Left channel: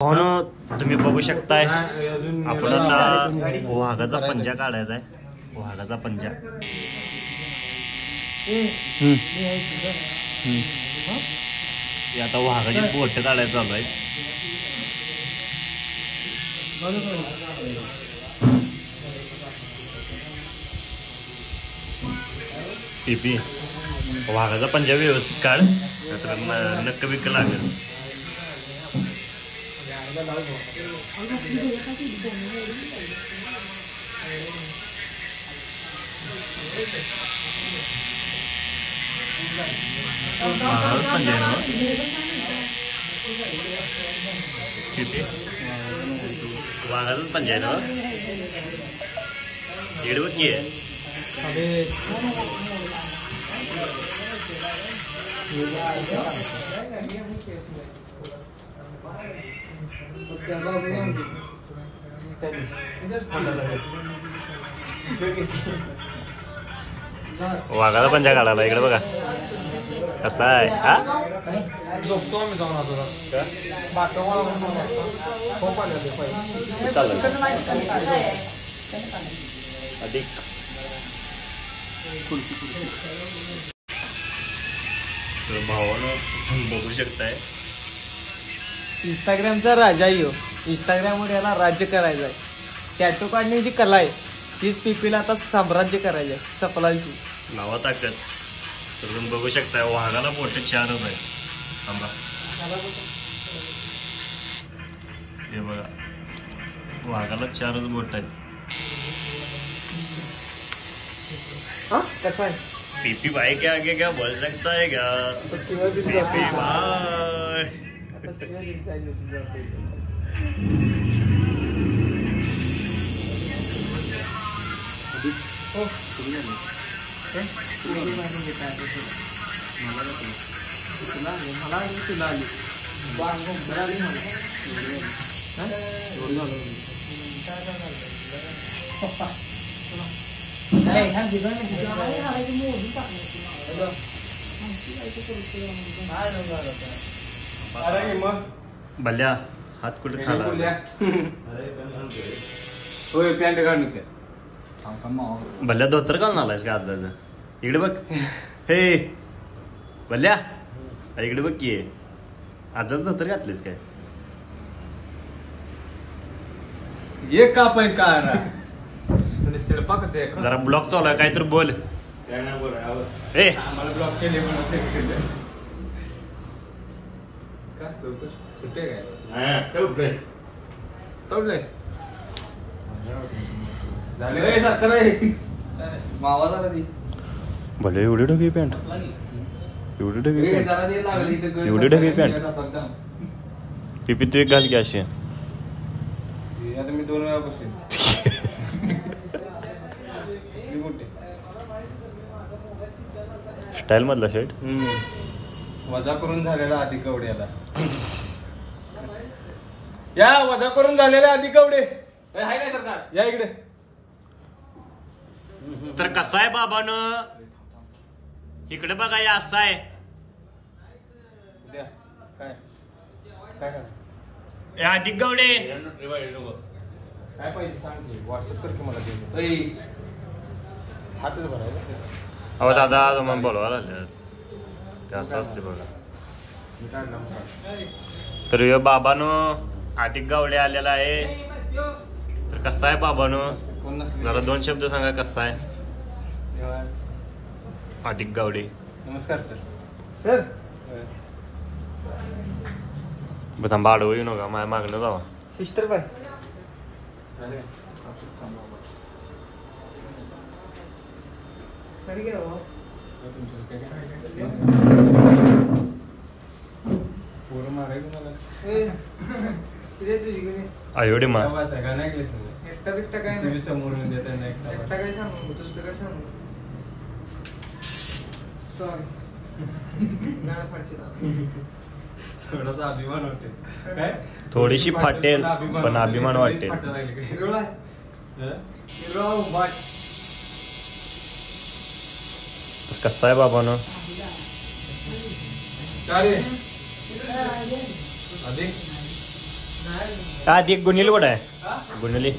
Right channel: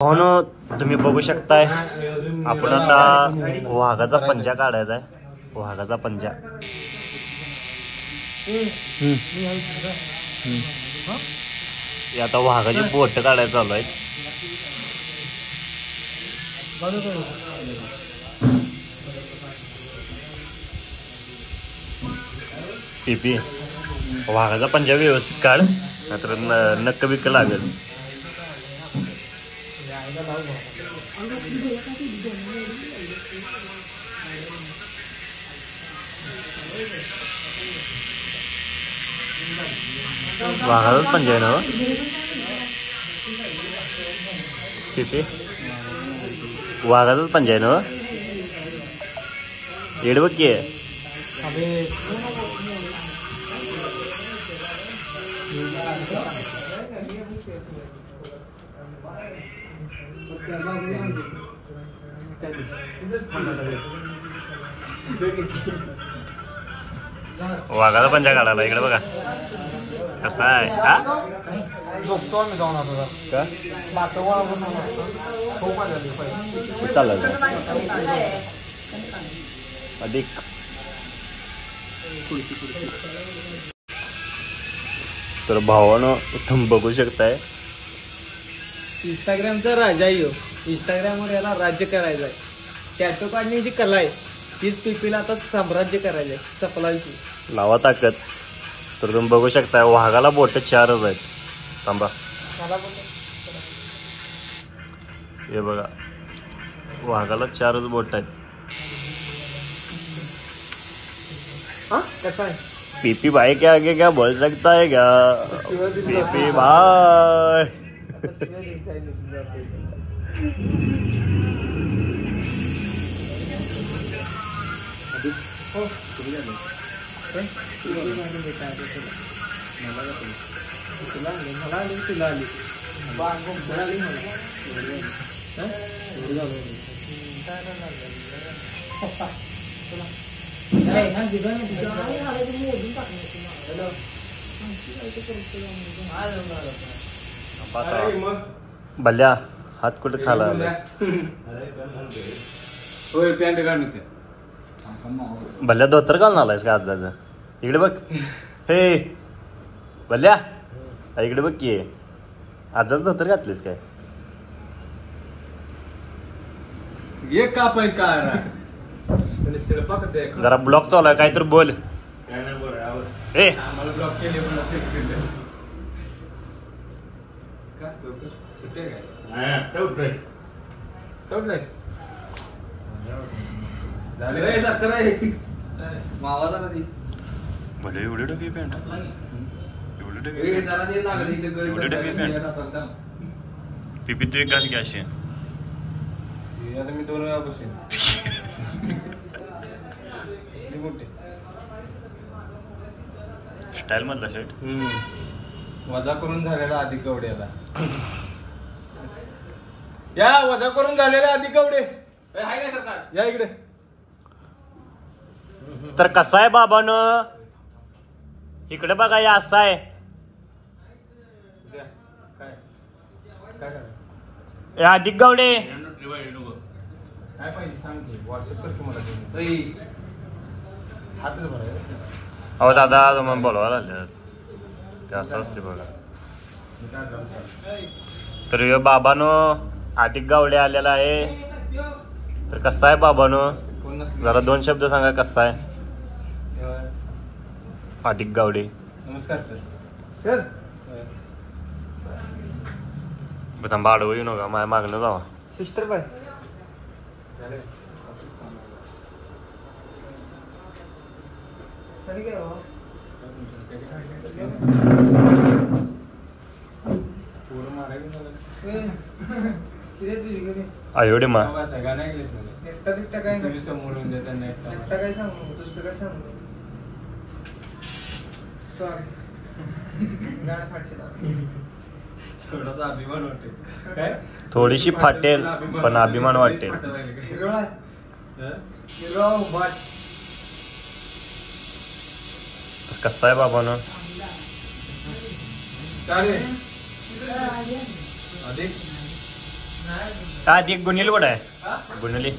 हो तुम्ही बघू शकताय आपण आता वाघाचा पंजा काढायचा आहे. वाघाचा पंजा आता वाघाची बोट काढायला चालू आहे. पीपी वाघाचा पंजा व्यवस्थित काढ नाहीतर नक्क बिक्क लागेल. वाघाचाच पंजा आहे ना तिथे वाघाचाच पंजा आहे ना येड बघ की वाघाचा पंजा काढायला इकडे बघा कसा आहे. हा अधिक तर भावानं तुम्ही बघू शकताय इंस्टाग्रामचा राजा यो. इंस्टाग्रामवर याला राज्य करायचं आहे. टॅटो काढण्याची जी कला आहे तीच पीपीला आता साम्राज्य करायचं आहे. चपलांची लावा ताकद. तर तुम्ही बघू शकताय वाघाला बोट 4च आहेत. थांबा हे बघा वाघाला 4च बोट आहेत. कसं आहे पीपी भाई के आगे क्या बोल सकता है क्या. पीपी भाई मला आली तुला आली भल्या हात कुठे खाला होय पॅन्ट काढून ते भल्या धोतर घालून आलायस का आजाचं. इकडे बघ हे भल्या इकडे बघ की आजाच धोतर घातलीस काय. ये का पण काय जरा ब्लॉक चालू आहे काहीतरी बोल. ए मला ब्लॉक केले मावा झाला ती भले एवढी ढोकी पॅन्ट एवढी ढोकी पॅन्ट. पीपी तू एक घाल की अशी. आता मी 2 वेळा बसेन. स्टाईल मधला शर्ट वजा करून झालेला आधी कवड्याला या वजा करून झालेला आधी कवडे आहे काय सरकार या इकडे. तर कसा आहे बाबानं इकडे बघा या असा आहे. अधिक गावडे काय पाहिजे सांग की व्हॉट्सअप कर की मला. अहो दादा तुम्हाला बोलवायला आले ते असं असते बघा. तर बाबानं अधिक गावडे आलेला आहे. तर कसा आहे बाबानं जरा 2 शब्द सांगा कसा आहे अधिक गावडे. नमस्कार सर. सर थांबा आडवं येऊ नका माझ्या मागणं जावा. सिस्टर बाय एवढे मा थोडासा अभिमान वाटते काय थोडीशी फाटेल पण अभिमान वाटेल. कसा आहे बाबानं आधी एक गुन्हेली वड आहे हा? गुन्हेली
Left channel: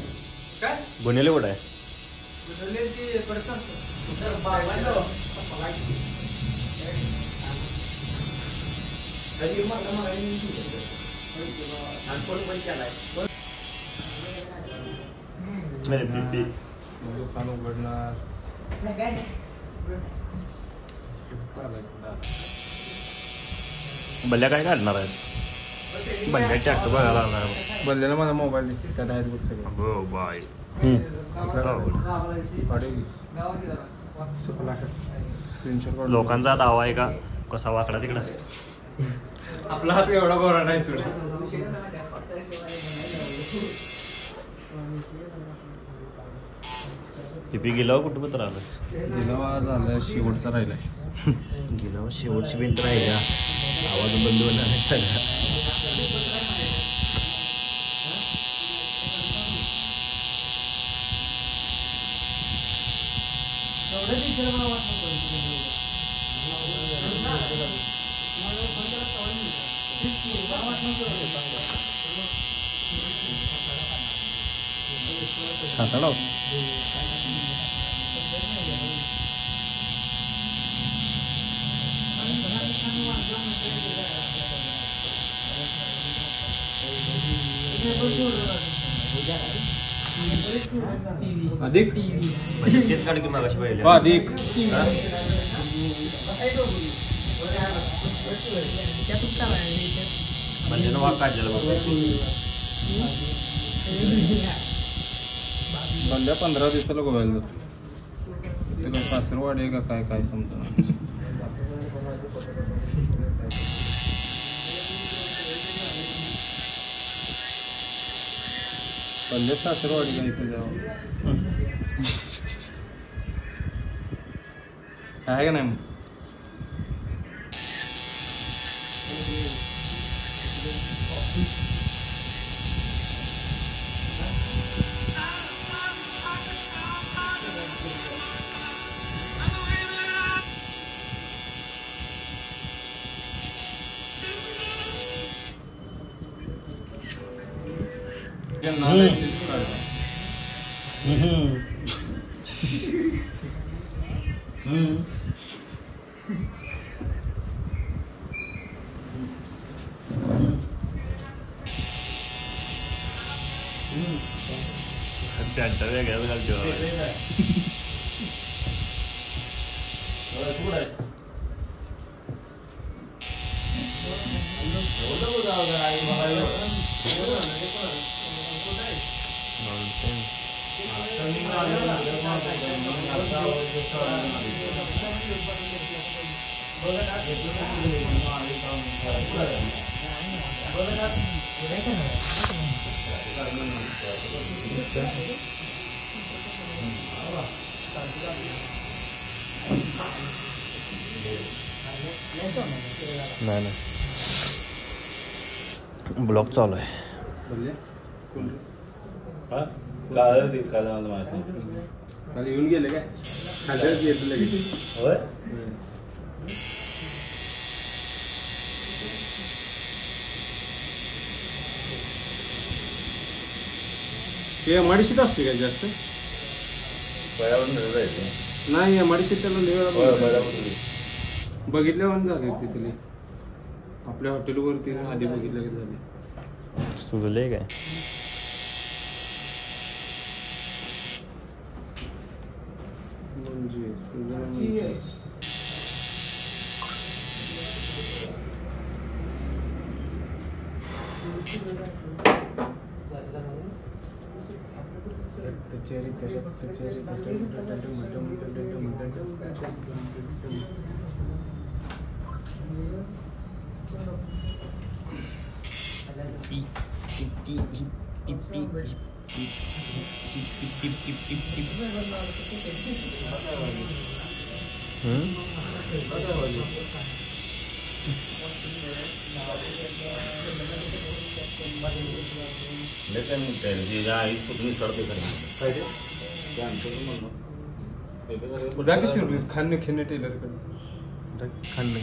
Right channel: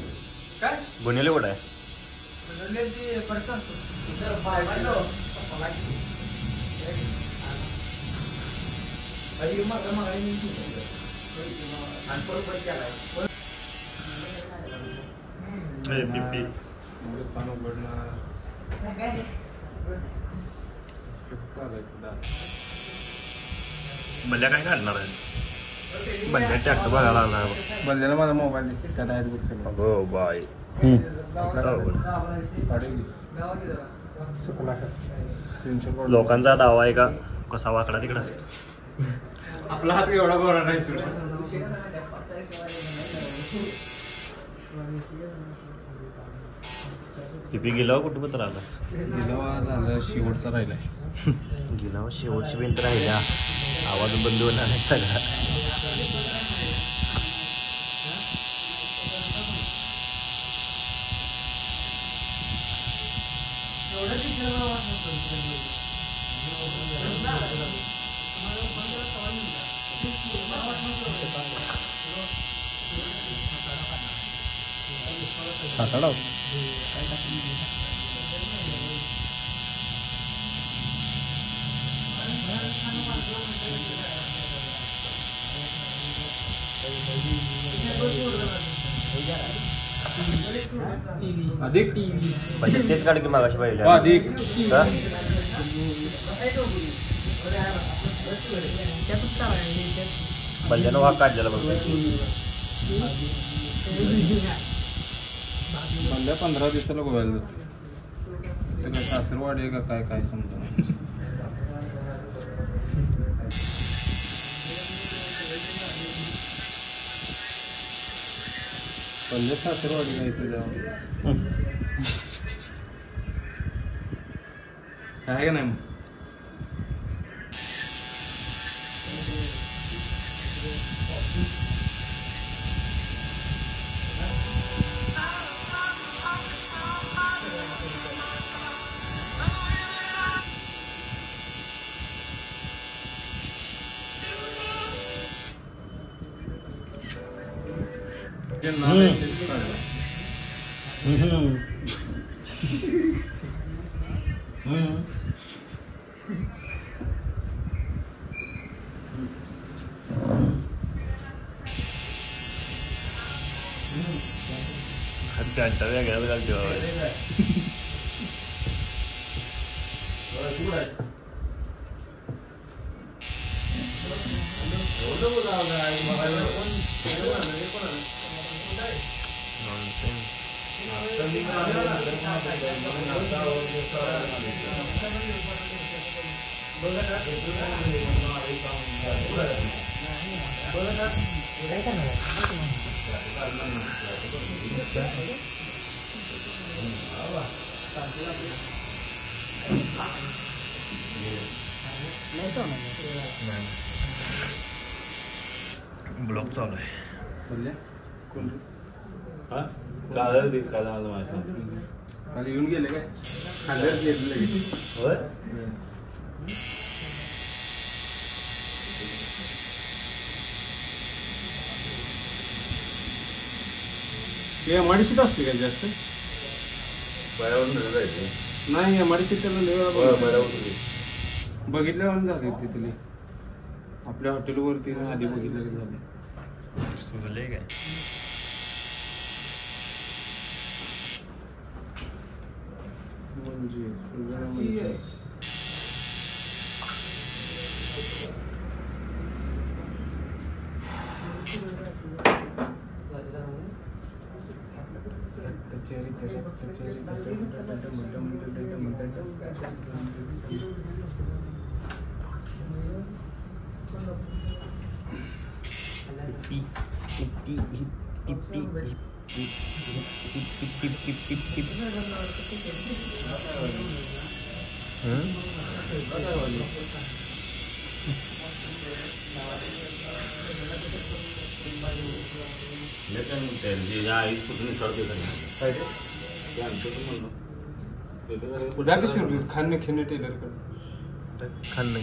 काय गुन्हेली वड आहे गुन्हेली परत बाबांनो दुकान उघडणार बल्ल्या काय काढणार आहे बल्ल्या ट्रॅक्टर बघायला आला बंदेला माझा मोबाईल त्याला आहेत बघ सगळं हो बाय स्क्रीनशॉट लोकांचा दावा आहे का कसा वाकडा तिकडा आपला हात एवढा गोरा नाही सुट पिपी गेल्यावर कुठं पत्र आलं गेला झालं शेवटचा राहिलाय गेल्यावर शेवटची भिंत राहिल्या आवाज बंद होणार नाही सगळा सातारा अधिक म्हणजे तेच काढ की मागाशी पाहिजे अधिक हा? बंद्यानं वाघ काढलेला बघ बंद्या 15 दिवसाला गोव्याला जातो ते काय सासरवाडी आहे का काय काय समजा बंद्या सासरवाडीला इथे जावं आहे का नाही पॅन्ट वेगळ्याच घालतो नाही ब्लॉक चालू आहे खाली येऊन गेले काय खाली येत लगेच एमआयडीसीत असते काय जास्त नाही एमआयडीसीत त्याला बघितल्यावर झाले तिथले आपल्या हॉटेलवरती आधी बघितलं झाले सुजले काय म्हणजे खाने खेळणे टेलर कडे खाल्लं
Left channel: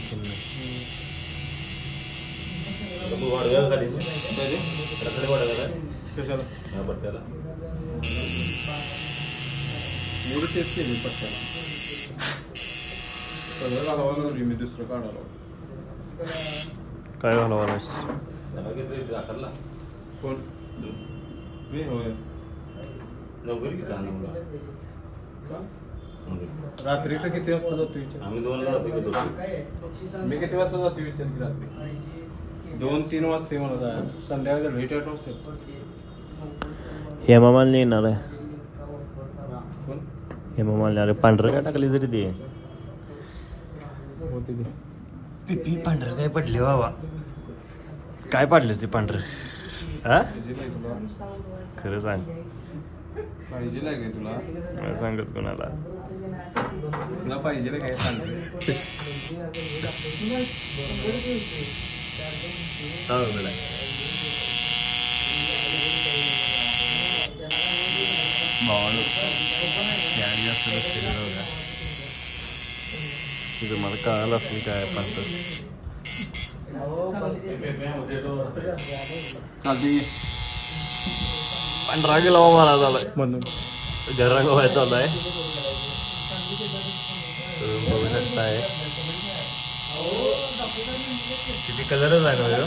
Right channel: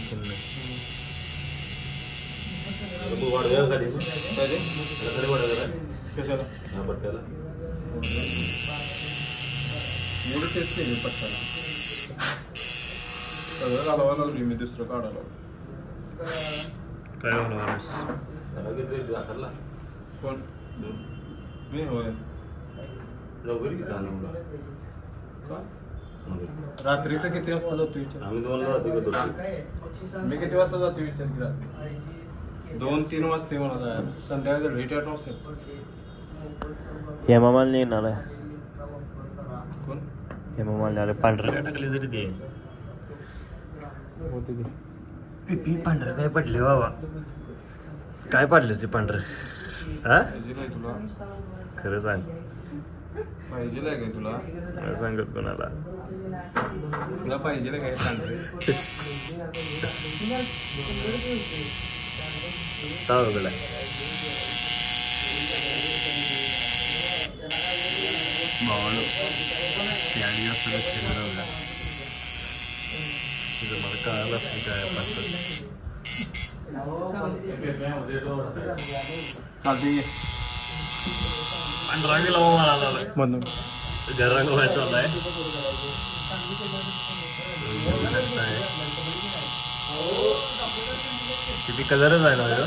कशाला एवढी तेच केली पट्ट्याला सगळं घालावं लागली मी दुसरं काढायला काय झालं कोण मी होय रात्रीचं किती वाजता जातो विचार मी किती वाजता जातो विचार की रात्री 2-3 वाजता मला जायला संध्याकाळी लेट 8 वाजता हेमामालिनी येणार आहे कोण हेमामालिनी अरे पांढरं काय टाकली जरी ते होते ते पिपी पांढरं काय पडले बाबा काय पाडलेस ते पांढरं हा पाहिजे नाही तुला खरं सांग पाहिजे काय तुला काय सांगत कोणाला तुला पाहिजे काय सांग भावालो त्यावेळी जास्त लक्ष दिलं बघा तिथं मला कळालं असेल काय पांढरं चालते पांढरा गेला मला झालाय म्हणून जरा गोवा चाललाय बघू शकताय किती कलरच आहे ना ह्यो?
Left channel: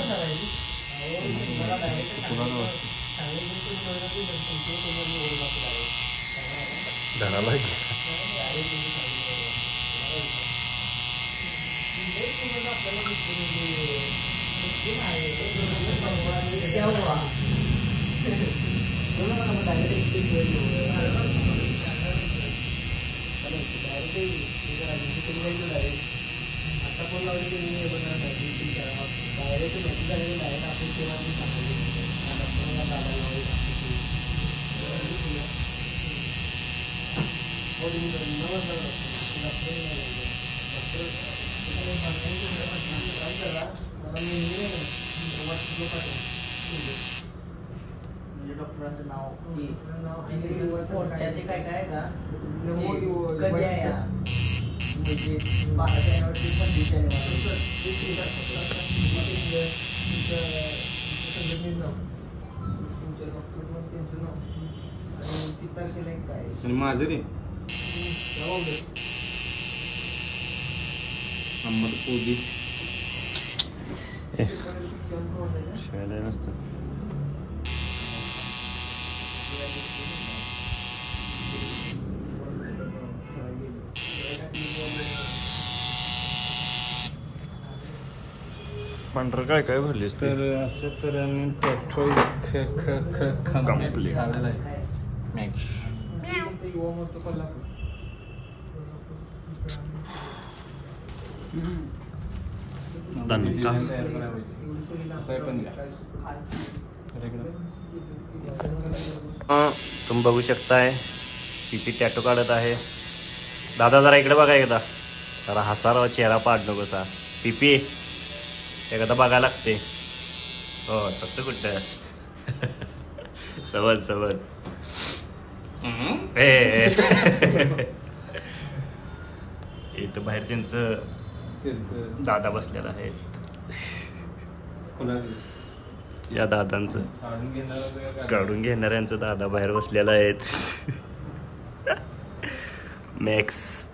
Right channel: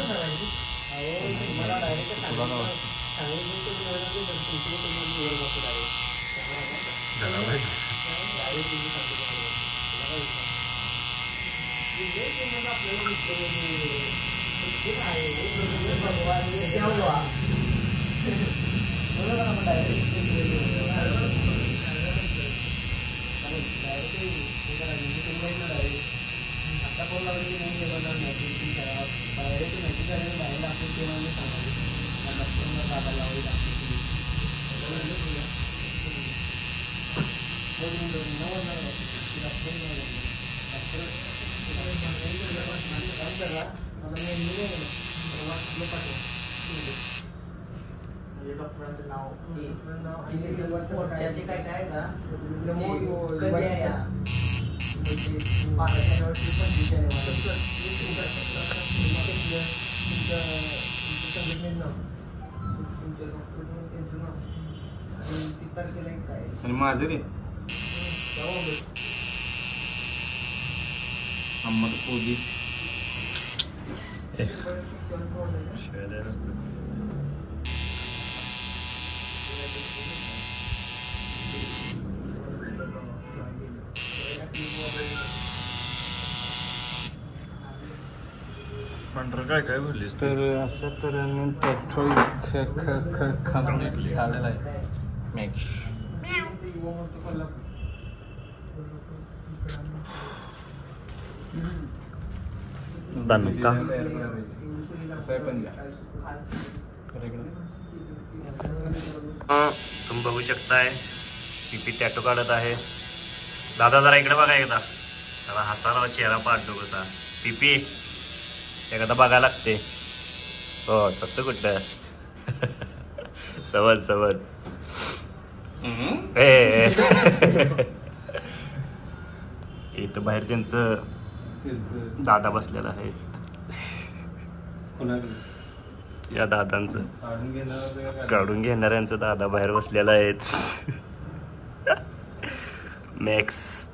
धडाला आणि माझं रे अहमद पोदी खेळायला नसतं पांढरं काय काय भरलीस तर असं तर पेट्रोल कम्प्लीट झालेलं आहे मॅक्स दणका असं आहे पण तुम्ही बघू शकताय पिपी टॅटो काढत आहे दादा जरा इकडे बघा एकदा जरा हसारावा चेहरा पाडतो कसा पिपी एखादा बघायला लागते हो तसं कुठं सवत सवत इथं बाहेर त्यांचं दादा बसलेला आहे या दादांचं काढून घेणाऱ्यांचं दादा बाहेर बसलेला आहेत मॅक्स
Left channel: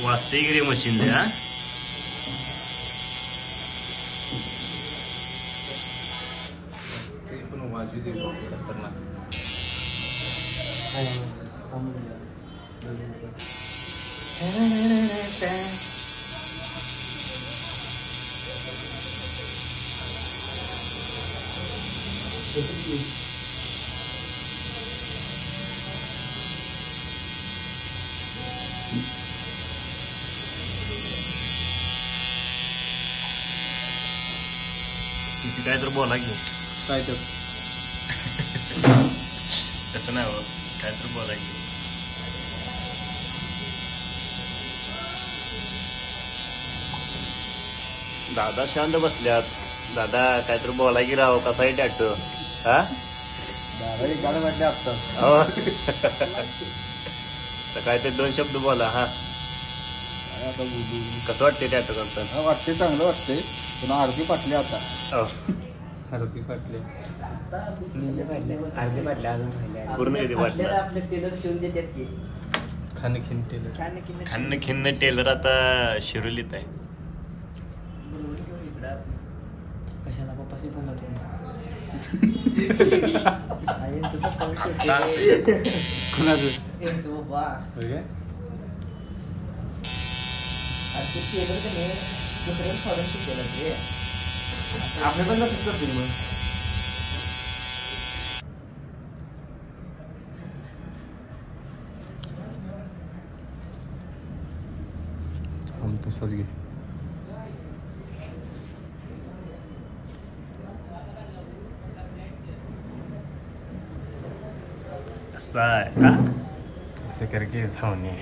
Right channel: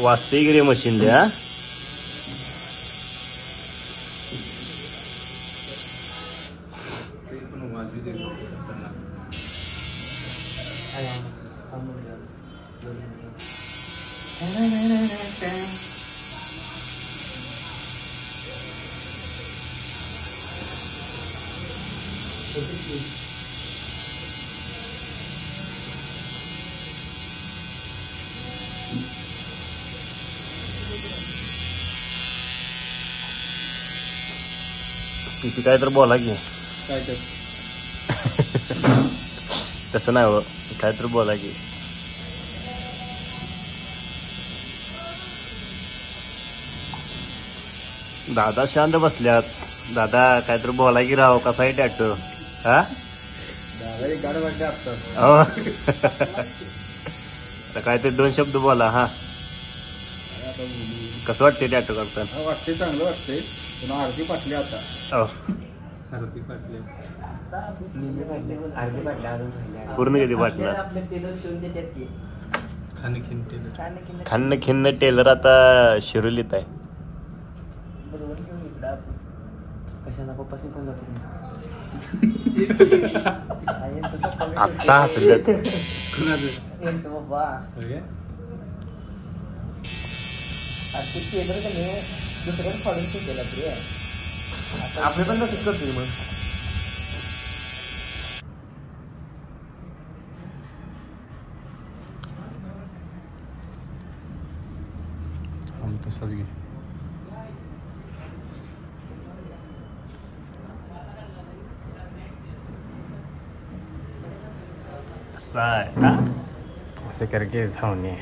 वाजते गिरी मशीन द्या किती काय तर बोला की काय तर तसं नाही हो काय तर बोला की दादा शांत बसल्यात दादा काय तर बोला की राव कसा आहे टॅटू हा दादा एक गाडं वाटले आता काय ते 2 शब्द बोला हा आता बोलू. कसं वाटते टॅटो काढताना? वाटते चांगलं वाटतंय पण अर्धी पाटली आता. हो. अर्धी पाटली. अर्धे पाडले अजून राहिले. पूर्ण किती वाटलं? आपल्याला आपले टेलर शिवून देतात की. खाणं खिंटे. खन्न खिन्न टेलर आता शिरोलीत आहे. बरोबर घेऊन इकडं आपण. कशाला पप्पासनी फोन लावते. आता कुणाचं? यांचं पप्पा. होय काय? आता टेलर का नाही दुसऱ्याला फॉलो केला ते. आपले पण नसत करतील मग. तसंच घे. असं करके जाऊन ये.